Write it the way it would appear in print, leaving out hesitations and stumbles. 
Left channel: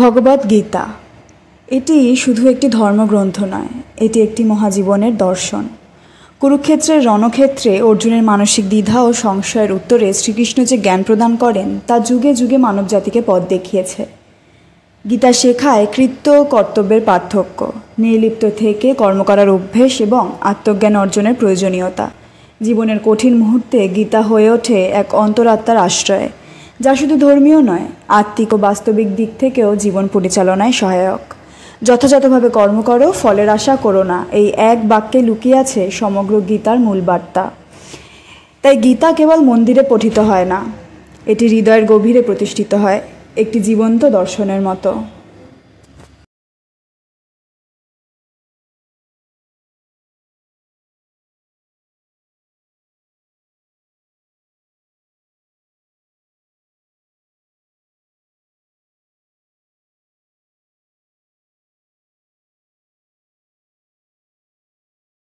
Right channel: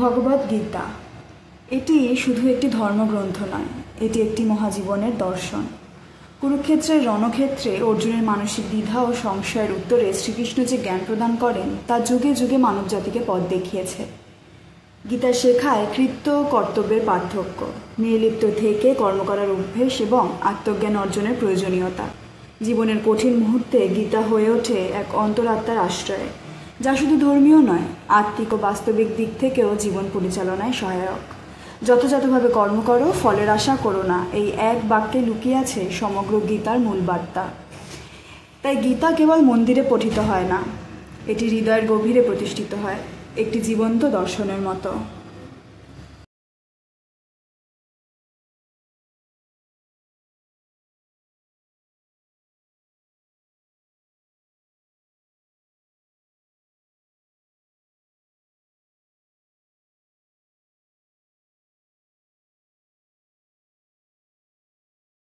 ভগবদ্ গীতা এটি শুধু একটি ধর্মগ্রন্থ নয়, এটি একটি মহাজীবনের দর্শন। কুরুক্ষেত্রের রণক্ষেত্রে অর্জুনের মানসিক দ্বিধা ও সংশয়ের উত্তরে শ্রীকৃষ্ণ যে জ্ঞান প্রদান করেন তা যুগে যুগে মানবজাতিকে পথ দেখিয়েছে। গীতা শেখায় কৃত্য ও কর্তব্যের পার্থক্য, নির্লিপ্ত থেকে কর্ম করার অভ্যেস এবং আত্মজ্ঞান অর্জনের প্রয়োজনীয়তা। জীবনের কঠিন মুহূর্তে গীতা হয়ে ওঠে এক অন্তরাত্মার আশ্রয়, যা শুধু ধর্মীয় নয়, আত্মিক ও বাস্তবিক দিক থেকেও জীবন পরিচালনায় সহায়ক। যথাযথভাবে কর্ম করো, ফলের আশা করো না, এই এক বাক্যে লুকিয়ে আছে সমগ্র গীতার মূল বার্তা। তাই গীতা কেবল মন্দিরে পঠিত হয় না, এটি হৃদয়ের গভীরে প্রতিষ্ঠিত হয়, একটি জীবন্ত দর্শনের মতো।